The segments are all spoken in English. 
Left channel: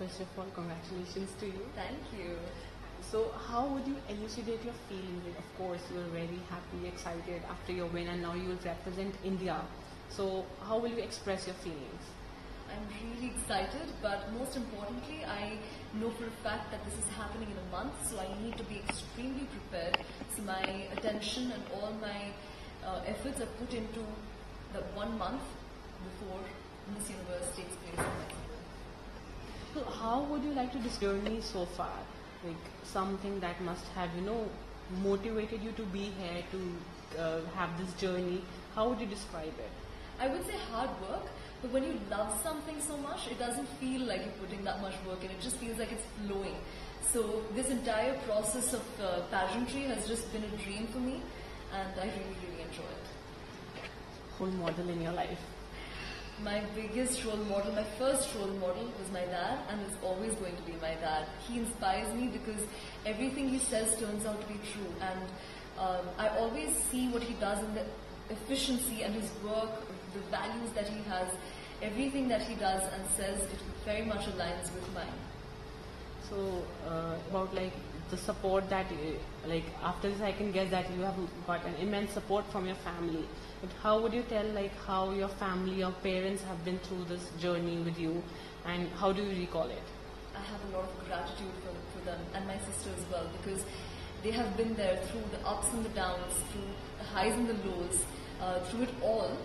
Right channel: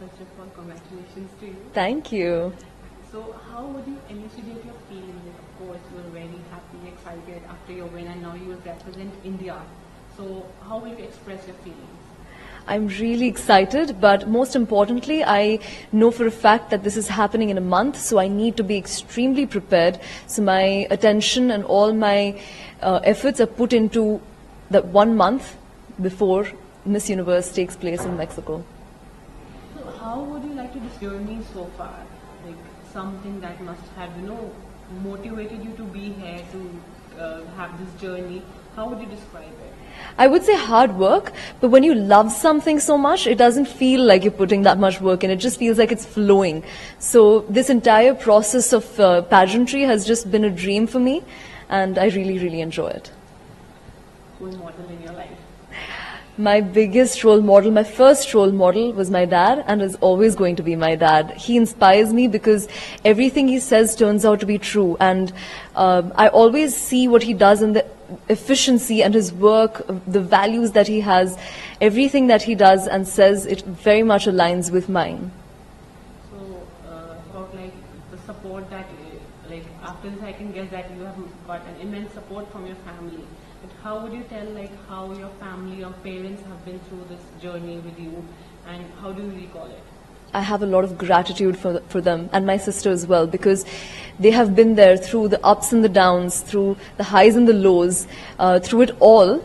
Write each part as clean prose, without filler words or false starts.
First of all, congratulations to you. Thank you. So how would you elucidate your feelings? Of course, you are very happy, excited after your win, and now you represent India. So how will you express your feelings? I'm really excited, but most importantly, I know for a fact that this is happening in a month, so I need to be extremely prepared. So my attention and all my efforts are put into that 1 month before Miss Universe takes place in Mexico. So how would you like to describe your journey so far? Like something that must have, motivated you to be here, to have this journey. How would you describe it? I would say hard work, but when you love something so much, it doesn't feel like you're putting that much work in. It just feels like it's flowing. So this entire process of pageantry has just been a dream for me, and I really, really enjoy it. Role model in your life? My biggest role model, my first role model was my dad, and is always going to be my dad. He inspires me because everything he says turns out to be true, and I always see what he does in the efficiency and his work, the values that he has, everything that he does and says, it very much aligns with mine. So about like the support that, like after this I can guess that you have got an immense support from your family. But how would you tell like how your family, your parents have been through this journey with you, and how do you recall it? I have a lot of gratitude for them, and my sister as well, because they have been there through the ups and the downs, through the highs and the lows, through it all.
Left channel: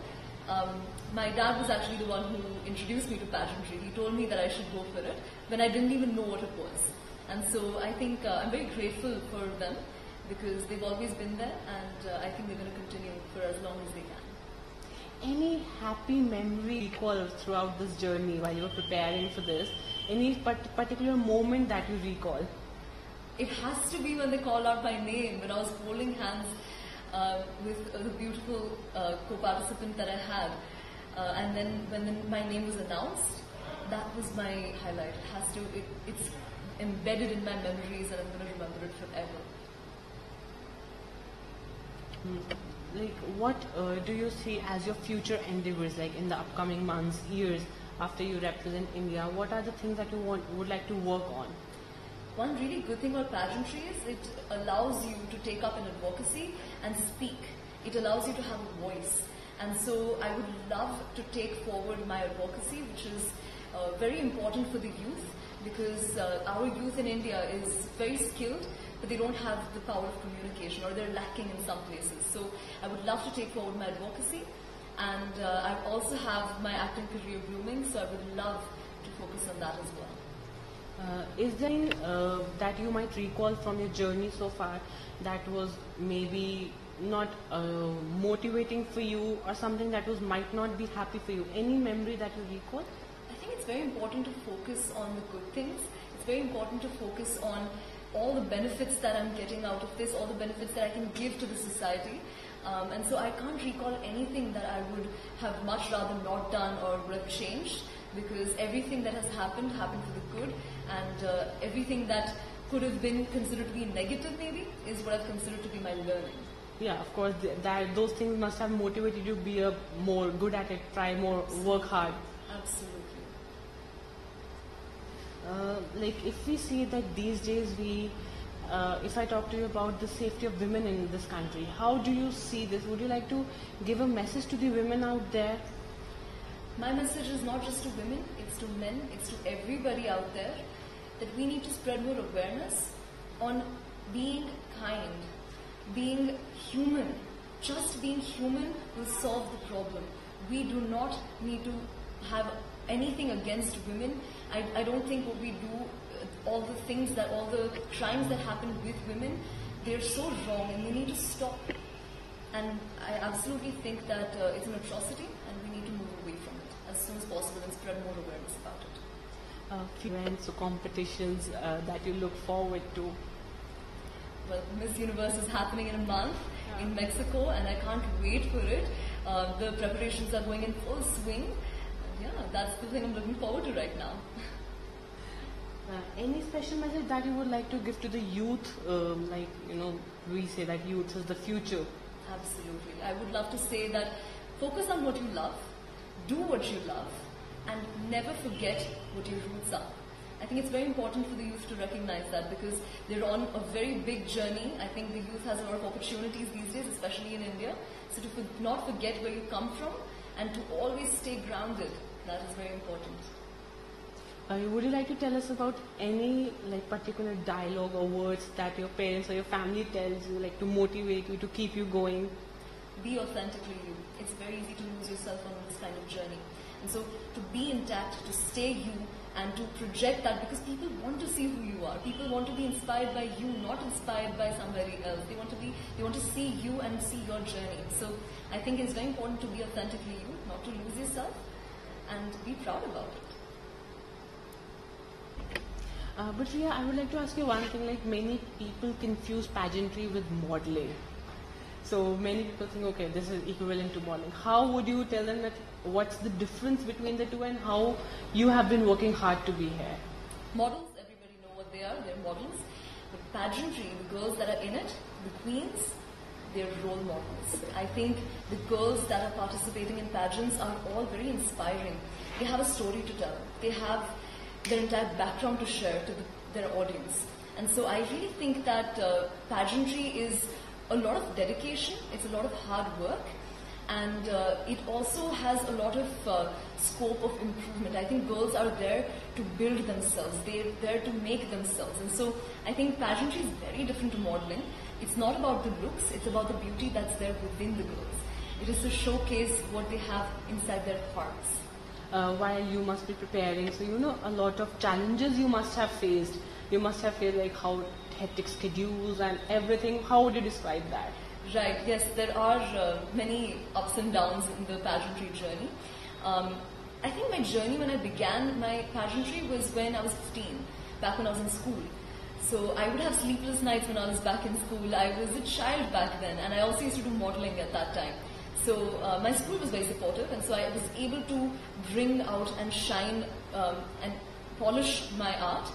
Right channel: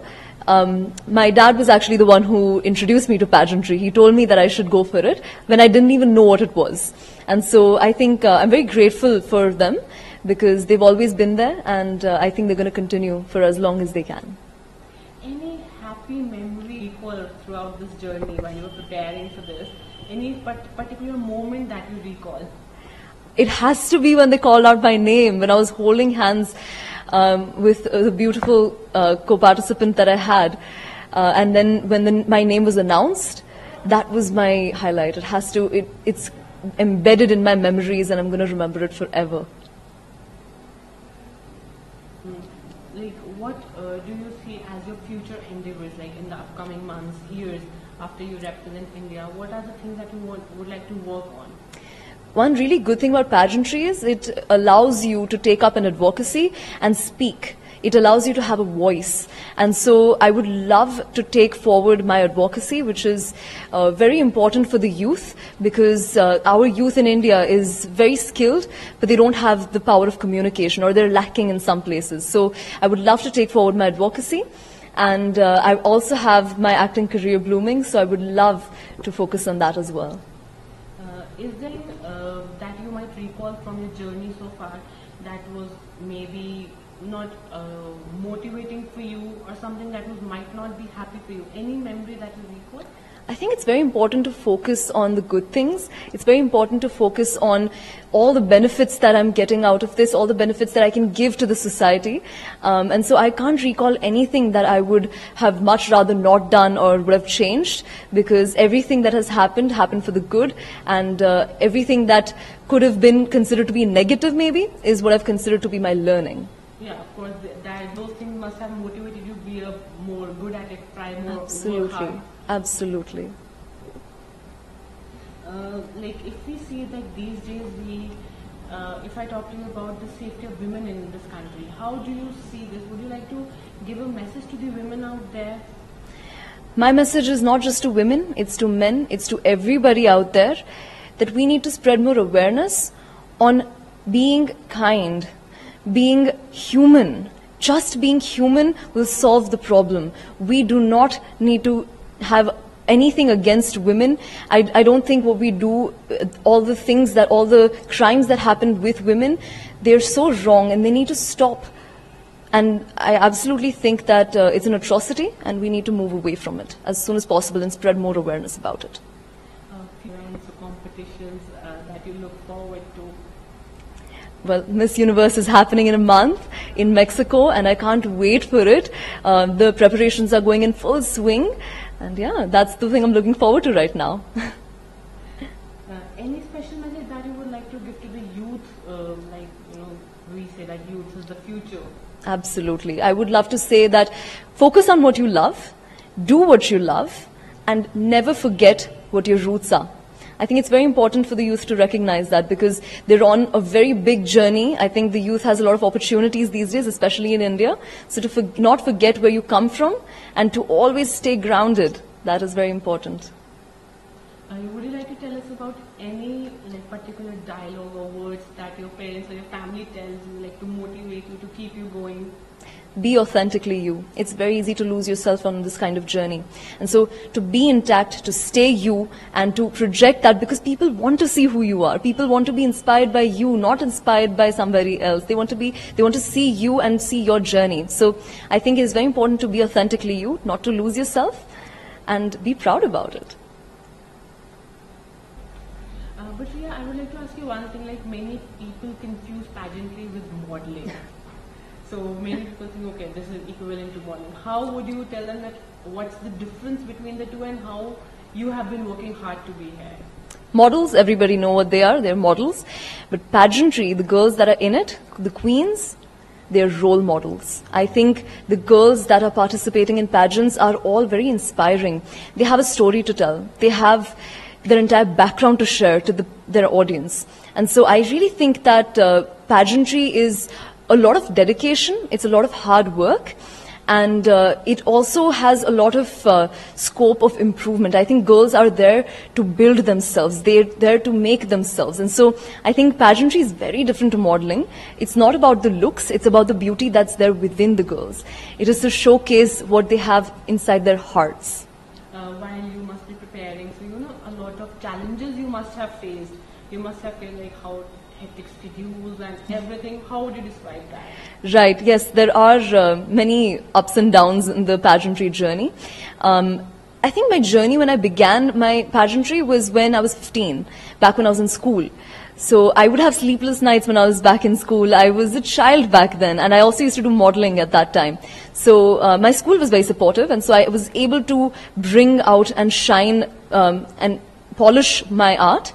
My dad was actually the one who introduced me to pageantry. He told me that I should go for it when I didn't even know what it was. And so I think I'm very grateful for them because they've always been there, and I think they're going to continue for as long as they can. Any happy memory recall throughout this journey while you were preparing for this? Any particular moment that you recall? It has to be when they called out my name, when I was holding hands with the beautiful co-participant that I had. And then when my name was announced, that was my highlight. It has to, it's embedded in my memories, and I'm going to remember it forever. Like, what do you see as your future endeavors, like in the upcoming months, years, after you represent India? What are the things that you would like to work on? One really good thing about pageantry is it allows you to take up an advocacy and speak. It allows you to have a voice. And so I would love to take forward my advocacy, which is very important for the youth, because our youth in India is very skilled, but they don't have the power of communication, or they're lacking in some places. So I would love to take forward my advocacy. And I also have my acting career blooming, so I would love to focus on that as well. Is there that you might recall from your journey so far that was maybe not motivating for you, or something that might not be happy for you? Any memory that you recall? I think it's very important to focus on the good things. It's very important to focus on all the benefits that I'm getting out of this, all the benefits that I can give to the society. And so I can't recall anything that I would have much rather not done or would have changed, because everything that has happened for the good, and everything that could have been considered to be negative maybe is what I've considered to be my learning. Yeah, of course, those things must have motivated you to be more good at it, try more, work hard. Absolutely. Like if we see that these days if I talk to you about the safety of women in this country, how do you see this? Would you like to give a message to the women out there? My message is not just to women, it's to men, it's to everybody out there, that we need to spread more awareness on being kind, being human. Just being human will solve the problem. We do not need to have anything against women. I don't think what we do, all the crimes that happen with women, they're so wrong and they need to stop. And I absolutely think that it's an atrocity, and we need to move away from it as soon as possible and spread more awareness about it. Events or competitions that you look forward to? Well, Miss Universe is happening in a month in Mexico, and I can't wait for it. The preparations are going in full swing, and yeah, that's the thing I'm looking forward to right now. Any special message that you would like to give to the youth? We say that youth is the future. Absolutely. I would love to say that focus on what you love, do what you love, and never forget what your roots are. I think it's very important for the youth to recognize that, because they're on a very big journey. I think the youth has a lot of opportunities these days, especially in India. So to not forget where you come from and to always stay grounded, that is very important. Would you like to tell us about any particular dialogue or words that your parents or your family tells you, to motivate you, to keep you going? Be authentically you. It's very easy to lose yourself on this kind of journey. And so to be intact, to stay you, and to project that, because people want to see who you are. People want to be inspired by you, not inspired by somebody else. They want to see you and see your journey. So I think it is very important to be authentically you, not to lose yourself, and be proud about it. But Shreya, I would like to ask you one thing, many people confuse pageantry with modeling. So many people think, okay, this is equivalent to modeling. How would you tell them that what's the difference between the two and how you have been working hard to be here? Models, everybody know what they are. They're models. But pageantry, the girls that are in it, the queens, they're role models. I think the girls that are participating in pageants are all very inspiring. They have a story to tell. They have their entire background to share to their audience. And so I really think that pageantry is a lot of dedication, it's a lot of hard work, and it also has a lot of scope of improvement. I think girls are there to build themselves, they're there to make themselves. And so I think pageantry is very different to modeling. It's not about the looks, it's about the beauty that's there within the girls. It is to showcase what they have inside their hearts. While you must be preparing, so a lot of challenges you must have faced. You must have felt how hectic schedules and everything. How would you describe that? Right, yes, there are many ups and downs in the pageantry journey. I think my journey when I began my pageantry was when I was 15, back when I was in school. So I would have sleepless nights when I was back in school. I was a child back then, and I also used to do modeling at that time. So my school was very supportive, and so I was able to bring out and shine and polish my art.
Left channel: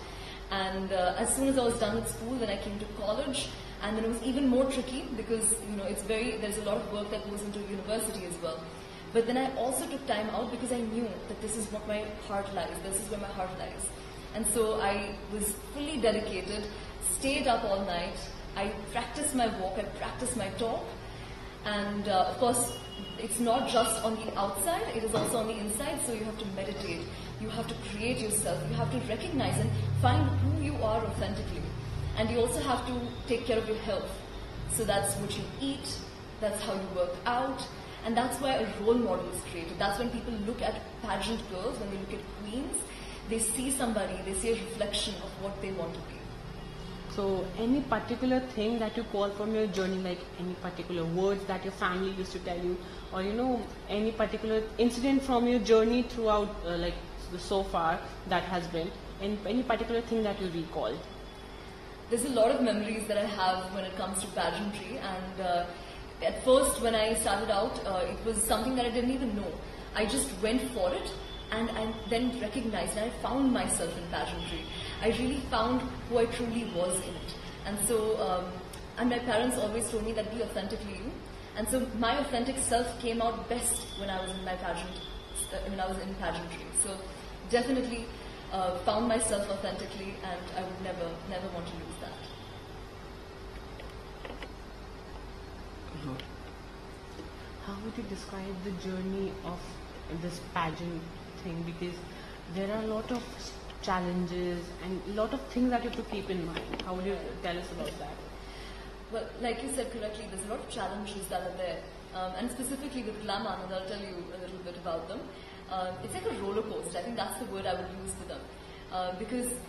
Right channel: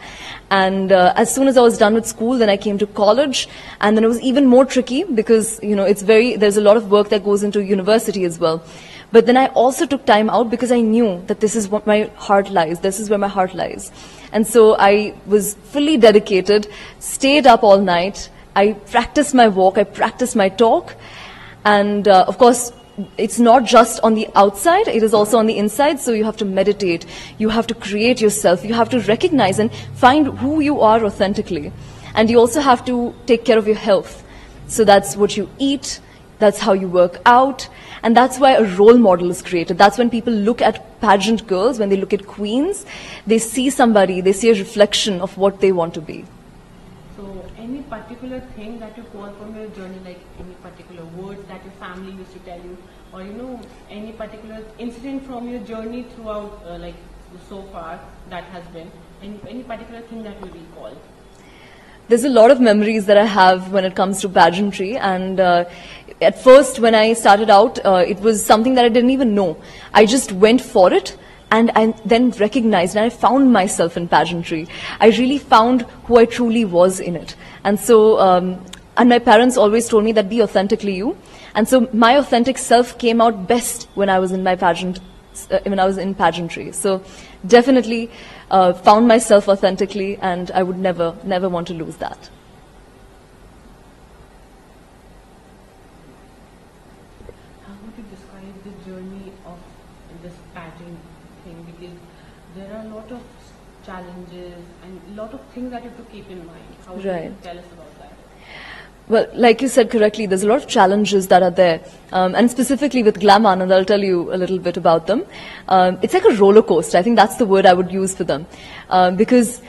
And as soon as I was done with school, then I came to college, and then it was even more tricky because, there's a lot of work that goes into university as well. But then I also took time out because I knew that this is what my heart lies, this is where my heart lies. And so I was fully dedicated, stayed up all night, I practiced my walk, I practiced my talk, and of course, it's not just on the outside, it is also on the inside. So you have to meditate, you have to create yourself, you have to recognize and find who you are authentically. And you also have to take care of your health. So that's what you eat, that's how you work out, and that's why a role model is created. That's when people look at pageant girls, when they look at queens, they see somebody, they see a reflection of what they want to be. So any particular thing that you call from your journey, any particular words that your family used to tell you, or any particular incident from your journey throughout, so far that has been, any particular thing that you recall? There's a lot of memories that I have when it comes to pageantry, and at first when I started out, it was something that I didn't even know. I just went for it. And I then recognized, and I found myself in pageantry. I really found who I truly was in it. And so, and my parents always told me that be authentically you. And so my authentic self came out best when I was in my pageantry. So definitely found myself authentically, and I would never want to lose that. How would you describe the journey of this pageant thing? Because there are a lot of challenges and a lot of things that you have to keep in mind. How would you tell us about that? Well, like you said correctly, there's a lot of challenges that are there. And specifically with Glam Anand, I'll tell you a little bit about them. It's like a roller coaster. I think that's the word I would use for them. Because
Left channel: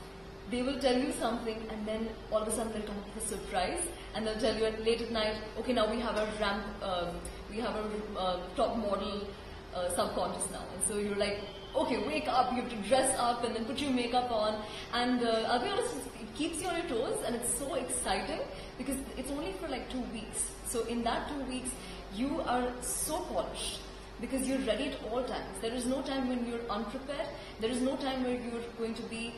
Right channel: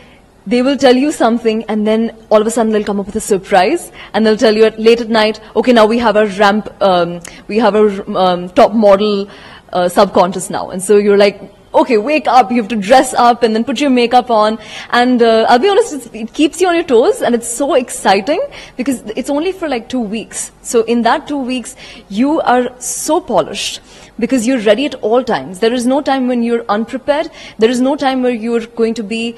they will tell you something, and then all of a sudden they'll come up with a surprise, and they'll tell you late at night, okay, now we have a ramp, we have a top model sub-contest now. And so you're like, okay, wake up, you have to dress up and then put your makeup on. And I'll be honest, it keeps you on your toes, and it's so exciting because it's only for 2 weeks. So in that 2 weeks, you are so polished because you're ready at all times. There is no time when you're unprepared. There is no time where you're going to be,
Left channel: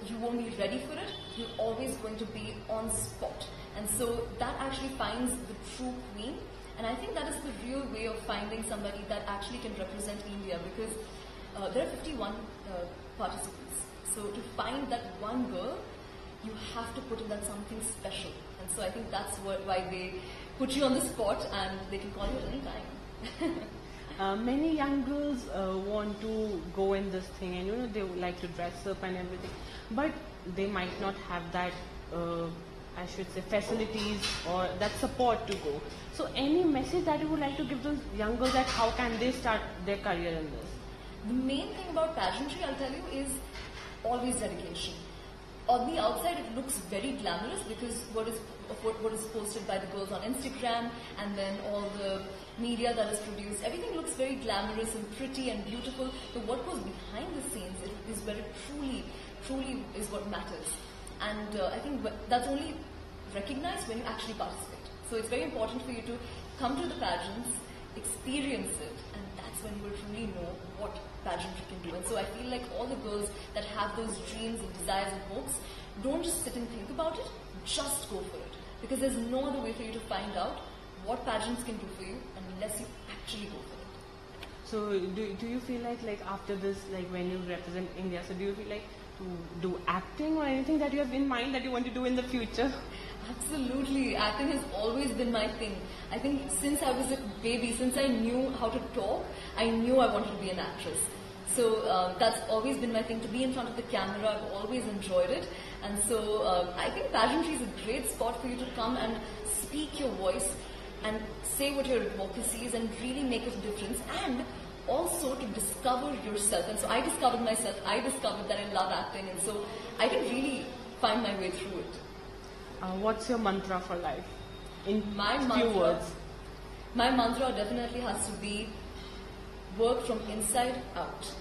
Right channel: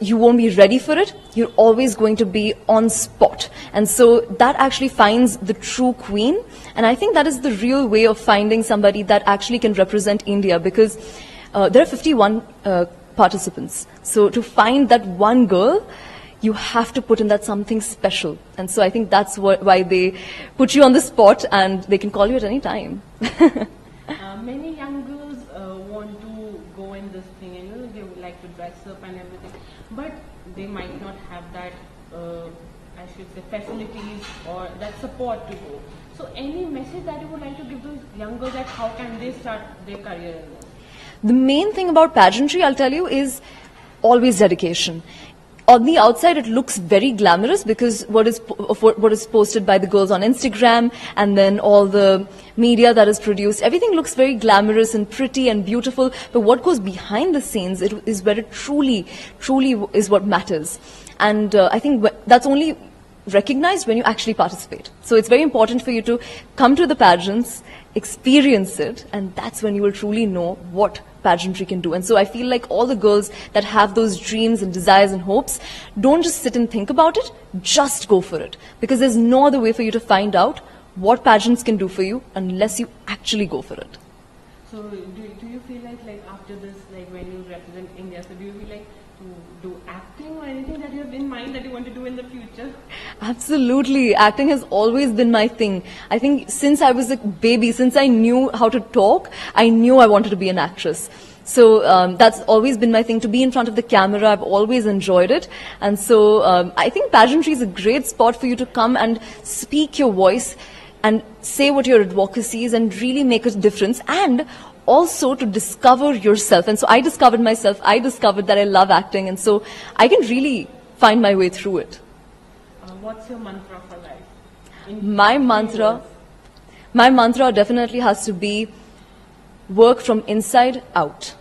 you won't be ready for it. You're always going to be on spot. And so that actually finds the true queen. And I think that is the real way of finding somebody that actually can represent India, because there are 51 participants. So to find that one girl, you have to put in that something special. And so I think that's why they put you on the spot and they can call you at any time. Many young girls want to go in this thing, and they would like to dress up and everything, but they might not have that, I should say, facilities or that support to go. So any message that you would like to give those young girls, that how can they start their career in this? The main thing about pageantry, I'll tell you, is always dedication. On the outside, it looks very glamorous because what is posted by the girls on Instagram and then all the media that is produced, everything looks very glamorous and pretty and beautiful. But what goes behind the scenes is where it truly is what matters. And I think that's only recognized when you actually participate. So it's very important for you to come to the pageants, experience it, and that's when you will truly know what pageantry can do. And so I feel like all the girls that have those dreams and desires and hopes, don't just sit and think about it, just go for it. Because there's no other way for you to find out what pageants can do for you unless you actually go for it. So do you feel like after this, like when you represent India, so do you feel like to do acting or anything that you have in mind that you want to do in the future? Absolutely. Acting has always been my thing. I think since I was a baby, since I knew how to talk, I knew I wanted to be an actress. So that's always been my thing, to be in front of the camera. I've always enjoyed it. And so I think pageantry is a great spot for you to come and speak your voice and say what your advocacy is and really make a difference, and also to discover yourself. And so I discovered myself. I discovered that I love acting, and so I can really find my way through it. What's your mantra for life? My mantra definitely has to be work from inside out.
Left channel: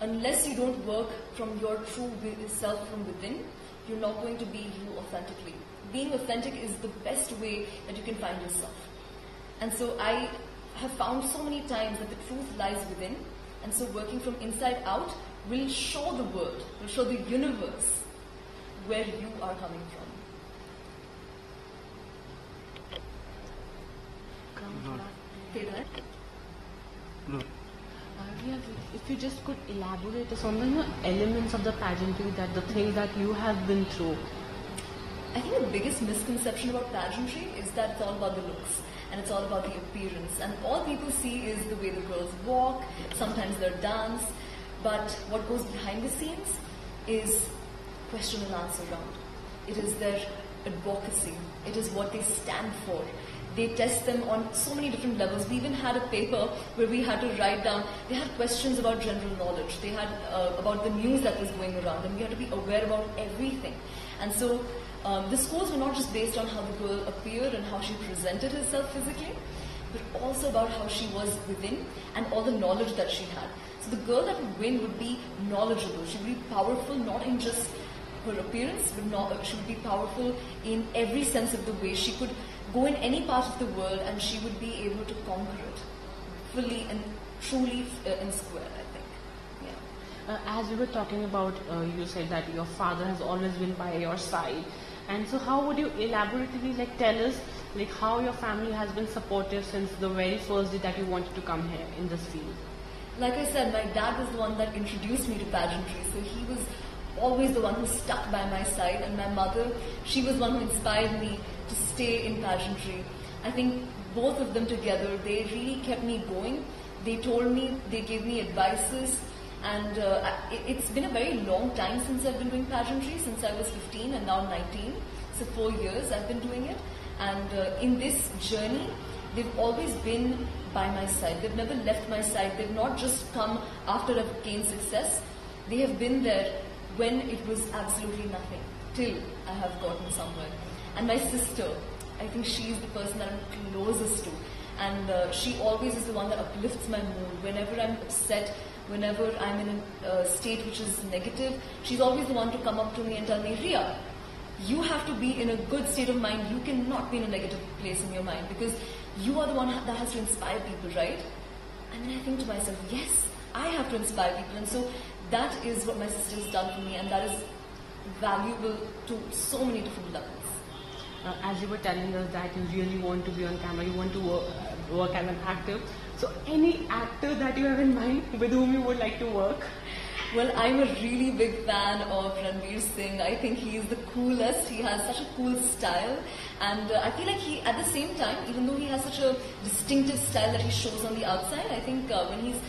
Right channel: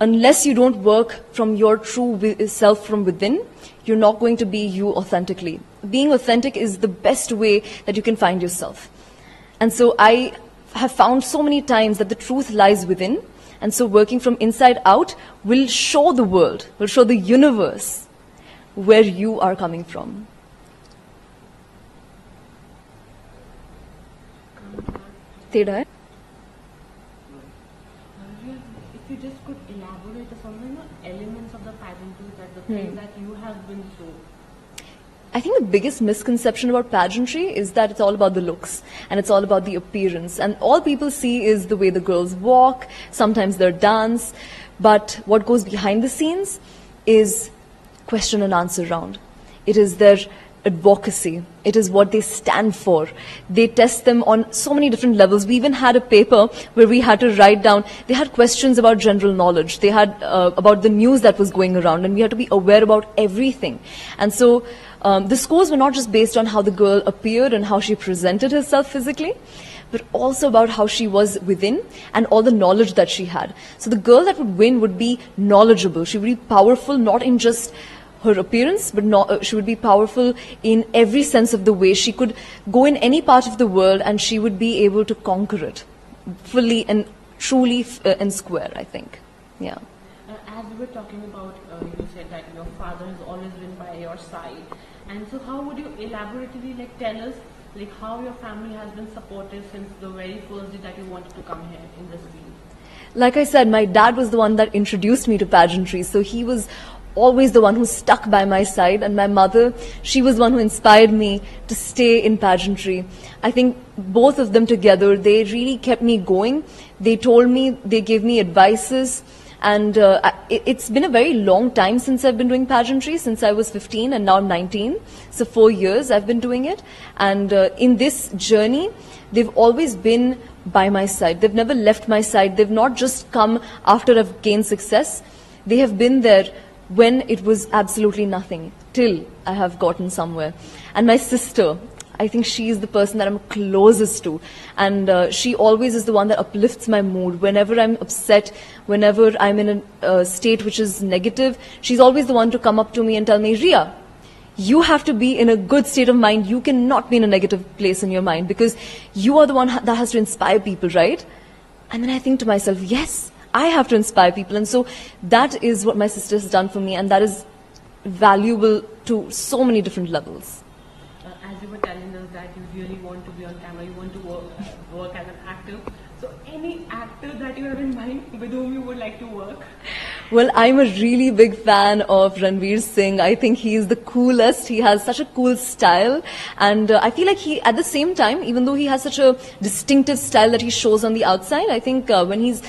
Unless you don't work from your true self from within, you're not going to be you authentically. Being authentic is the best way that you can find yourself. And so I have found so many times that the truth lies within, and so working from inside out will show the world, will show the universe where you are coming from. Teda? If you just could elaborate on the elements of the pageantry, that the things that you have been through. I think the biggest misconception about pageantry is that it's all about the looks and it's all about the appearance. And all people see is the way the girls walk, sometimes their dance. But what goes behind the scenes is question and answer round. It is their advocacy. It is what they stand for. They test them on so many different levels. We even had a paper where we had to write down, they had questions about general knowledge. They had about the news that was going around, and we had to be aware about everything. And so the scores were not just based on how the girl appeared and how she presented herself physically, but also about how she was within and all the knowledge that she had. So the girl that would win would be knowledgeable. She would be powerful, not in just her appearance, but she would be powerful in every sense of the way. She could go in any part of the world and she would be able to conquer it fully and truly and square, I think. Yeah. As you were talking about, you said that your father has always been by your side. And so how would you elaborately tell us how your family has been supportive since the very first day that you wanted to come here in this field? Like I said, my dad was the one that introduced me to pageantry. So he was always the one who stuck by my side, and my mother, she was the one who inspired me to stay in pageantry. I think both of them together, they really kept me going. They told me, they gave me advices, and it's been a very long time since I've been doing pageantry, since I was 15 and now I'm 19. So 4 years I've been doing it, and in this journey, they've always been by my side. They've never left my side. They've not just come after I've gained success. They have been there when it was absolutely nothing, till I have gotten somewhere. And my sister, I think she is the person that I'm closest to. And she always is the one that uplifts my mood. Whenever I'm upset, whenever I'm in a state which is negative, she's always the one to come up to me and tell me, Ria, you have to be in a good state of mind. You cannot be in a negative place in your mind, because you are the one that has to inspire people, right? And then I think to myself, yes, I have to inspire people. And so that is what my sister has done for me, and that is valuable to so many different levels. As you were telling us that you really want to be on camera, you want to work as an actor. So any actor that you have in mind with whom you would like to work? Well, I'm a really big fan of Ranveer Singh. I think he is the coolest. He has such a cool style. And I feel like he, at the same time, even though he has such a distinctive style that he shows on the outside, I think when he's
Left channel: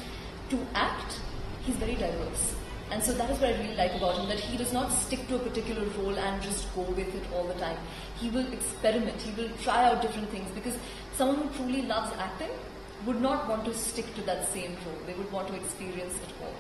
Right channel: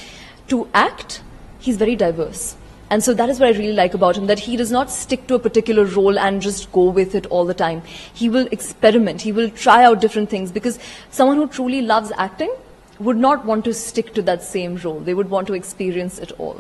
to act, he's very diverse. And so that is what I really like about him, that he does not stick to a particular role and just go with it all the time. He will experiment. He will try out different things, because someone who truly loves acting would not want to stick to that same role. They would want to experience it all.